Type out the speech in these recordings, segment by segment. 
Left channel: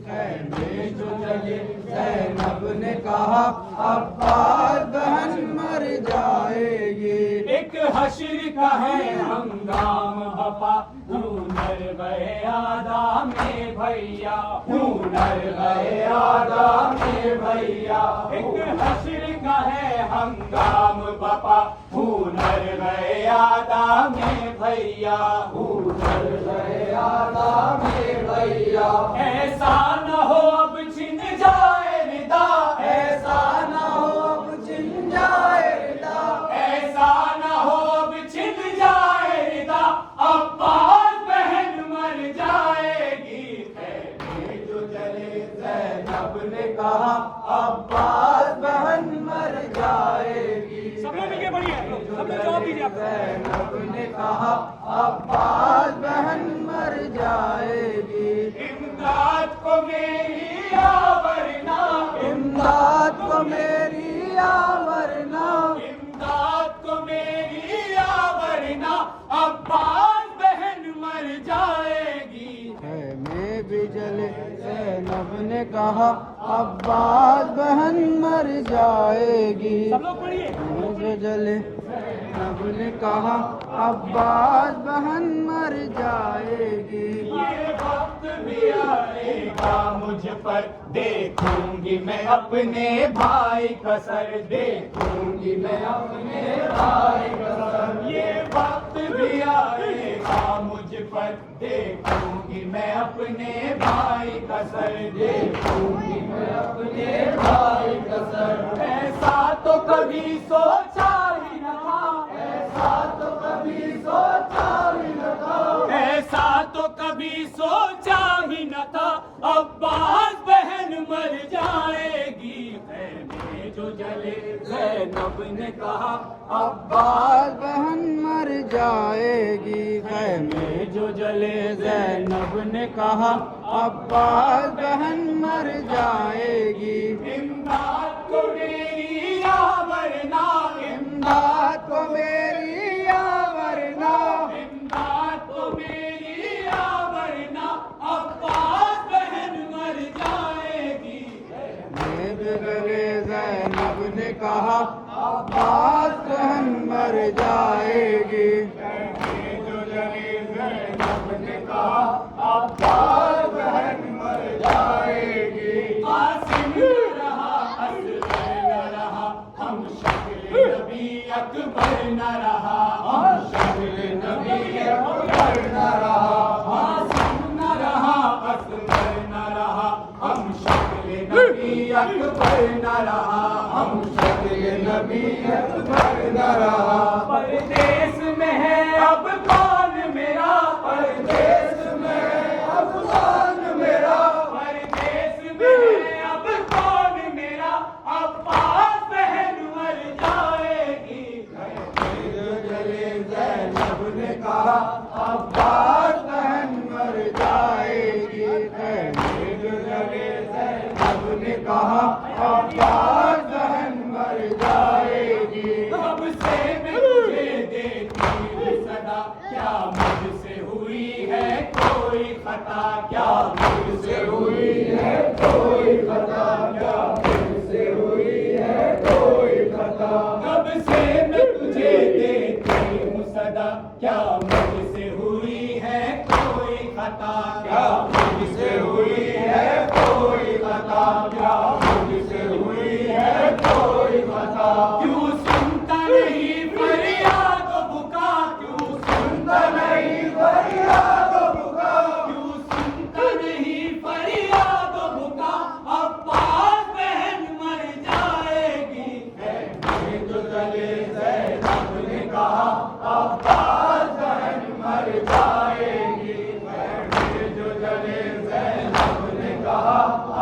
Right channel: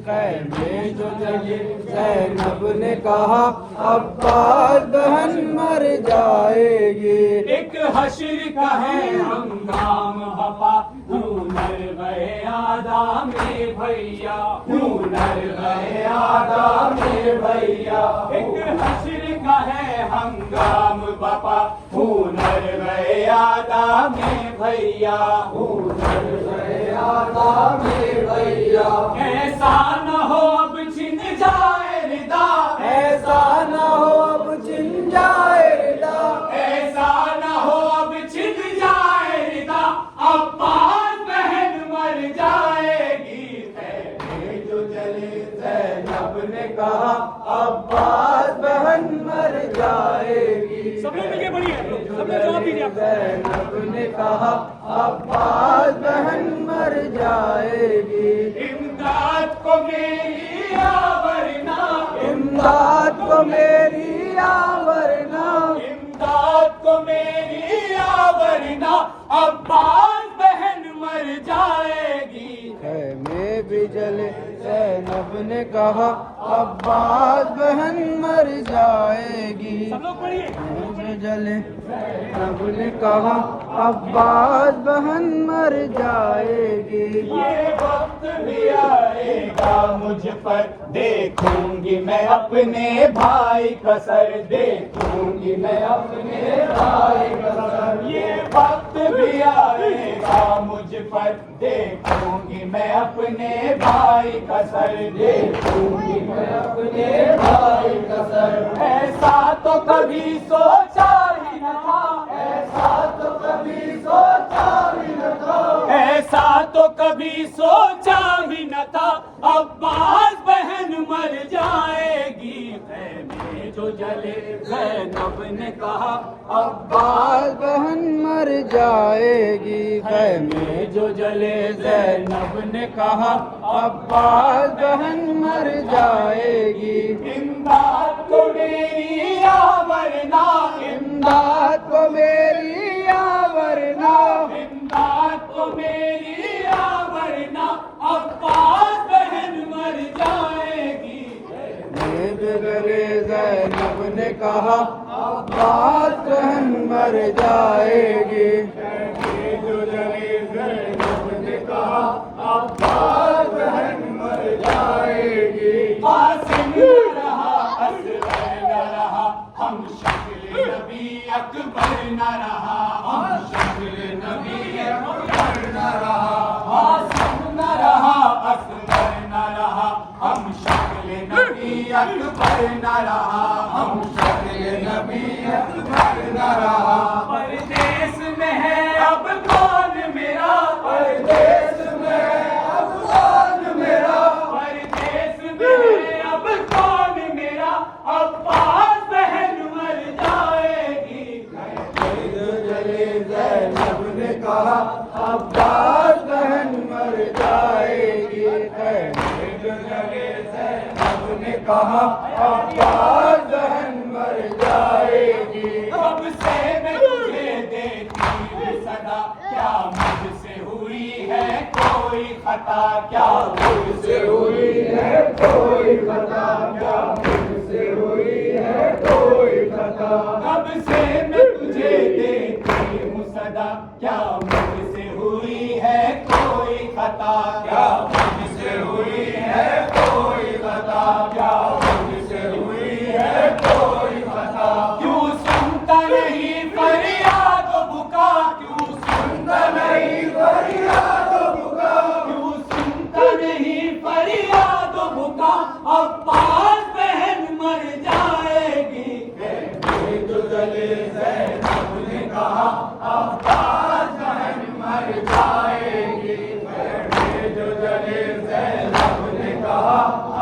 खैमे जो जले ज़ैनब ने कहा अब्बास बहन मर जाएगी। एक हश्र का है हंगाम हपा हुनर गए आदा में भैया, हुनर गए आदा में भैया। एक हश्र का है हंगाम बपा हुनर गए आदा में भैया, हुनर गए आदा में भैया। ऐसा न हो अब छिन जाए रिदा, ऐसा न हो अब छिन जाए रिदा, ऐसा न हो अब छिन जाए रिदा। अब्बास बहन मर जाएगी। खैमे जो जले ज़ैनब ने कहा अब्बास बहन मर जाएगी। सब लोग मिलके पढ़िए, सब लोग जवाब दीजिए। ज़ैनब ने कहा अब्बास बहन मर जाएगी। इमदाद को मेरी आवरना, इमदाद को मेरी आवरना, इमदाद को मेरी आवरना। अब्बास बहन मर जाएगी। खैमे भी जले ज़ैनब ने कहा अब्बास बहन मर जाएगी। सब लोग पढ़िए। खैमे भी जले ज़ैनब ने कहा अब्बास बहन मर जाएगी। ये वक्त भी आएगा मुझ पर, देखूंगी मैं अपने भाई का सर, देखूंगी मैं अपने भाई का सर। ये वक्त भी आएगा मुझ पर, देखूंगी मैं अपने भाई का सर, देखूंगी मैं अपने भाई का सर। ऐसा तो कभी सोचा ही न था, ऐसा तो कभी सोचा ही न था, ऐसा तो कभी सोचा ही न था। अब्बास बहन मर जाएगी। खैमे जो जले ज़ैनब ने कहा अब्बास बहन मर जाएगी। खैमे जो जले ज़ैनब ने कहा अब्बास बहन मर जाएगी। इमदाद को मेरी आवरना, इमदाद को मेरी आवरना, इमदाद को मेरी आवरना। अब्बास बहन मर जाएगी। खैमे जो जले ज़ैनब ने कहा अब्बास बहन मर जाएगी। खैमे जो जले ज़ैनब ने कहा अब्बास बहन मर जाएगी। कासिम न रहा, असगर न रहा, हम शक्ल नबी अकबर न रहा, हम शक्ल नबी अकबर न रहा। कासिम न रहा, असगर न रहा, हम शक्ल नबी अकबर न रहा, हम शक्ल नबी अकबर न रहा। परदेस में है अब कौन मेरा, परदेस में अब कौन मेरा, परदेस में है अब कौन मेरा। अब्बास बहन मर जाएगी। खैमे जो जले ज़ैनब ने कहा अब्बास बहन मर जाएगी। खैमे जो जले ज़ैनब ने कहा अब्बास बहन मर जाएगी। कब से मैं तुझे देखती हूँ सदा, क्या मुझसे हुई है कोई खता, क्या मुझसे हुई है कोई खता, क्या मुझसे हुई है कोई खता। कब से मैं तुझे देखती हूँ सदा, क्या मुझसे हुई है कोई खता, क्या मुझसे हुई है कोई खता, क्या मुझसे हुई है कोई खता। क्यों सुनता नहीं फरियाद बुका, क्यों सुनता नहीं फरियाद बुका, क्यों सुनता नहीं फरियाद बुका। अब्बास बहन मर जाएगी। खैमे जो जले ज़ैनब ने कहा अब्बास बहन मर जाएगी। खैमे जो जले ज़ैनब ने कहा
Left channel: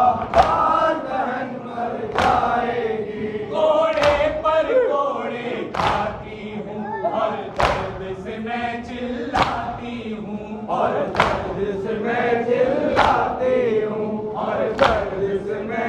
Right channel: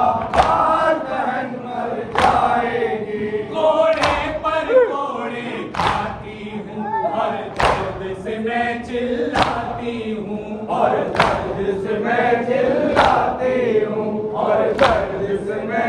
अब्बास बहन मर जाएगी। घोड़े पर घोड़े खाती हूँ और दर्द से मैं चिल्लाती हूँ, और दर्द से मैं चिल्लाती हूँ, और दर्द से मैं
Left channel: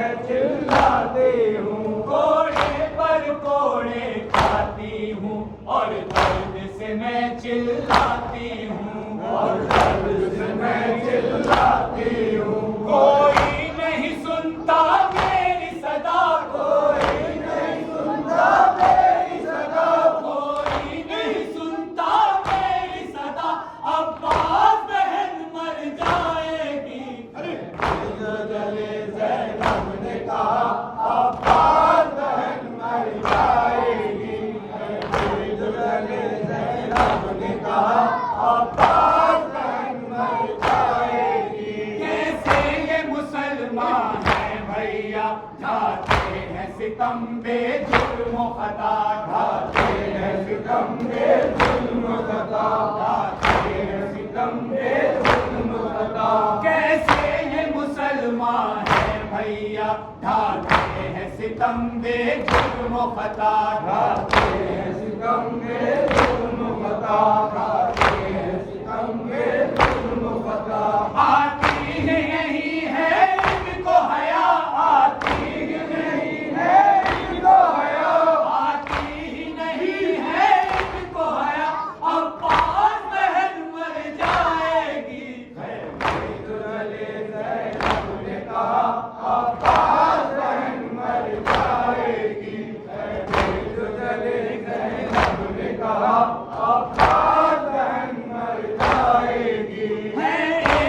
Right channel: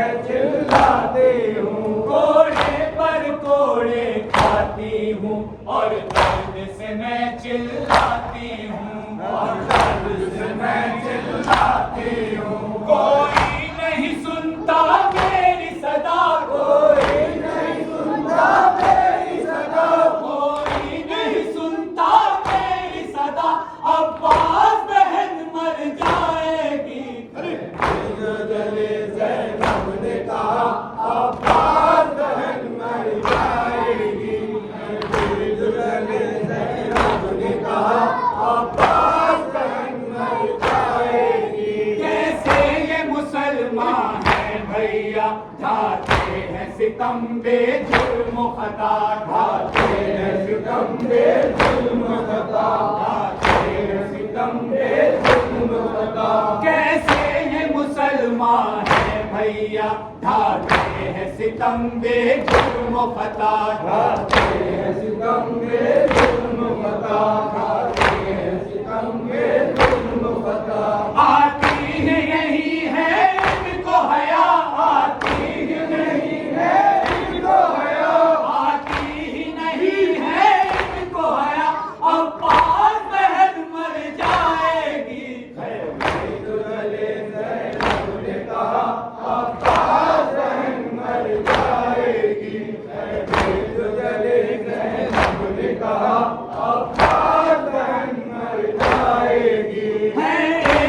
मुसलमान हैं भैया, ढाते हैं सितम बेजुर्म खता, ढाते हैं सितम बेजुर्म खता, ढाते हैं सितम बेजुर्म खता। कैसे हैं मुसलमान हैं भैया, ढाते हैं सितम बेजुर्म खता, ढाते हैं सितम बेजुर्म खता, ढाते हैं सितम बेजुर्म खता। आती ही यही है इनको हया, आती ही नहीं है इनको हया, आती ही नहीं है इनको हया। अब्बास बहन मर जाएगी, तो जले ज़ैनब ने कहा अब्बास बहन मर जाएगी, तो जले ज़ैनब ने कहा अब्बास बहन मर जाएगी। है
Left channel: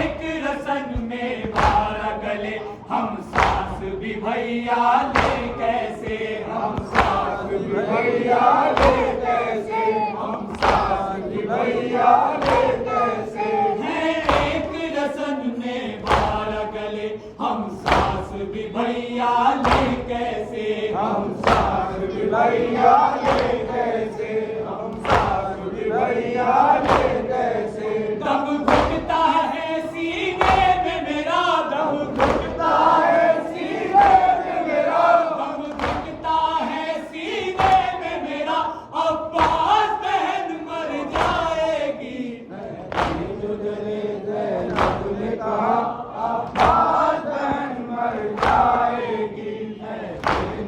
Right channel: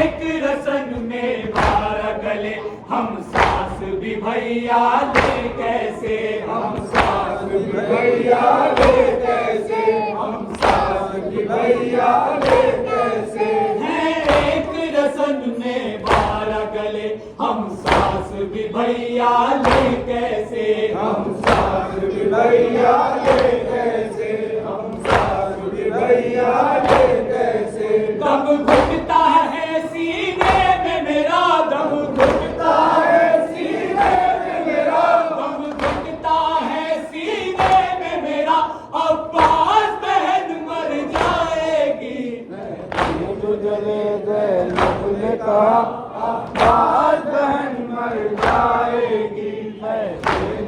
एक रसन में 12 गले, हम सास भी भैया ले कैसे, हम सास भी भैया ले कैसे, हम सास भी भैया ले कैसे। है एक रसन में 12 गले, हम सास भी भैया ले कैसे, हम सास भी भैया ले कैसे, हम सास भी भैया ले कैसे। दम घुटता है सीने में मेरा, दम घुटता है सीने में मेरा, दम घुटता है सीने में मेरा। अब्बास बहन मर जाएगी, तो जले ज़ैनब ने कहा अब्बास बहन मर जाएगी,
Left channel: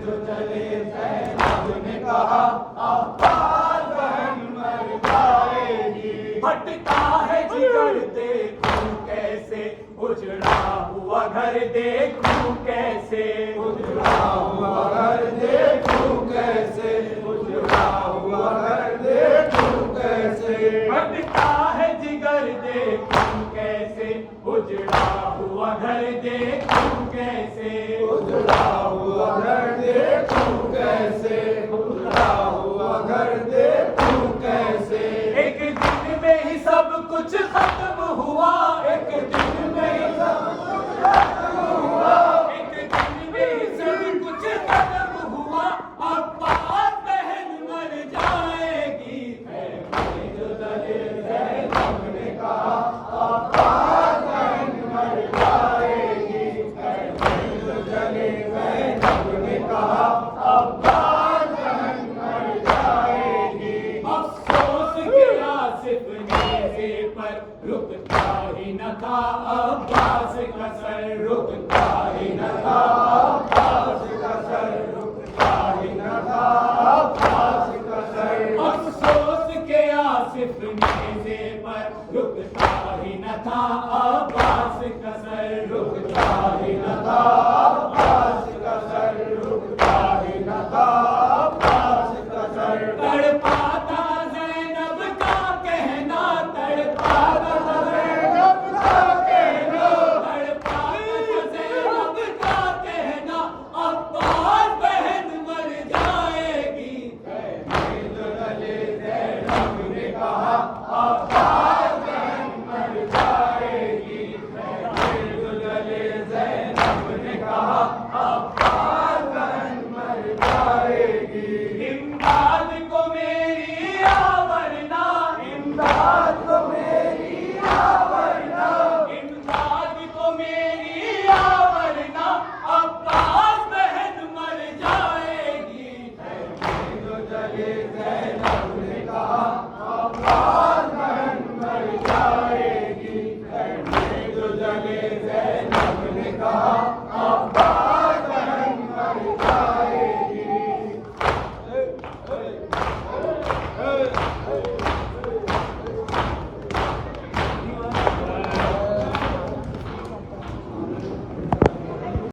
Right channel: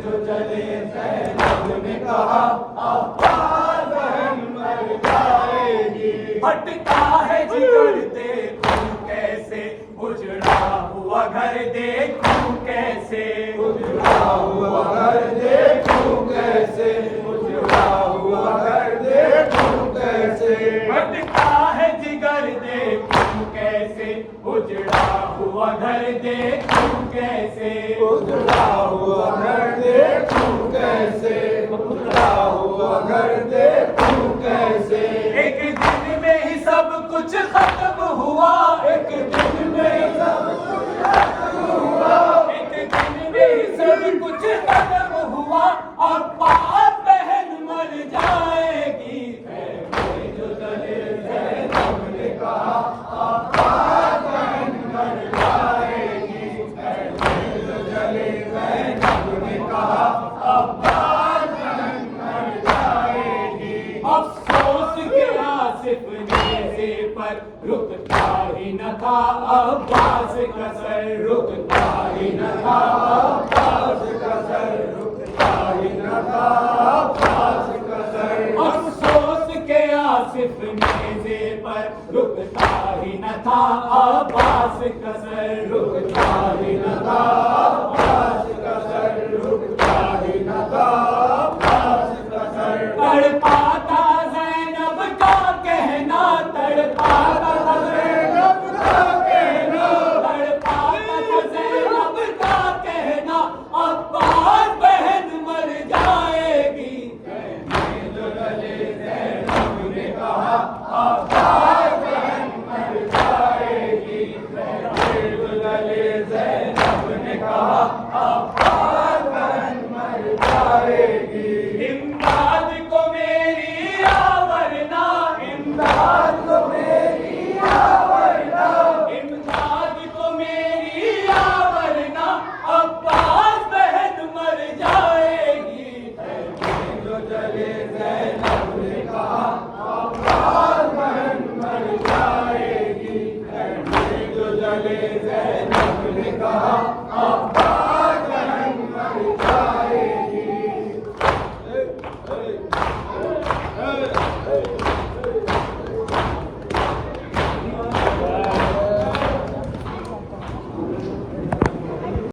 जो जले ज़ैनब ने कहा अब्बास बहन मर जाएगी। फटता है जिगर देखूं कैसे, उजड़ा हुआ घर देखूं कैसे, उजड़ा हुआ घर देखूं कैसे, उजड़ा हुआ घर देखूं कैसे। फटता है जिगर देखूं कैसे, उजड़ा हुआ घर देखूं कैसे, उजड़ा हुआ घर देखूं कैसे, उजड़ा हुआ घर देखूं कैसे। एक दिन में ही सब कुछ खत्म हुआ, एक दिन में ही सब कुछ खत्म हुआ, एक दिन में ही सब कुछ खत्म हुआ। अब्बास बहन मर जाएगी, जो जले ज़ैनब ने कहा अब्बास बहन मर जाएगी, जो जले ज़ैनब ने कहा अब्बास बहन मर जाएगी। अफसोस के आसिफ नेज़े पर रुकता ही न था अब्बास का सर, रुकता ही न था अब्बास का सर, रुकता ही न था अब्बास का सर। अफसोस के आसिफ नेज़े पर रुकता ही न था अब्बास का सर, रुकता ही न था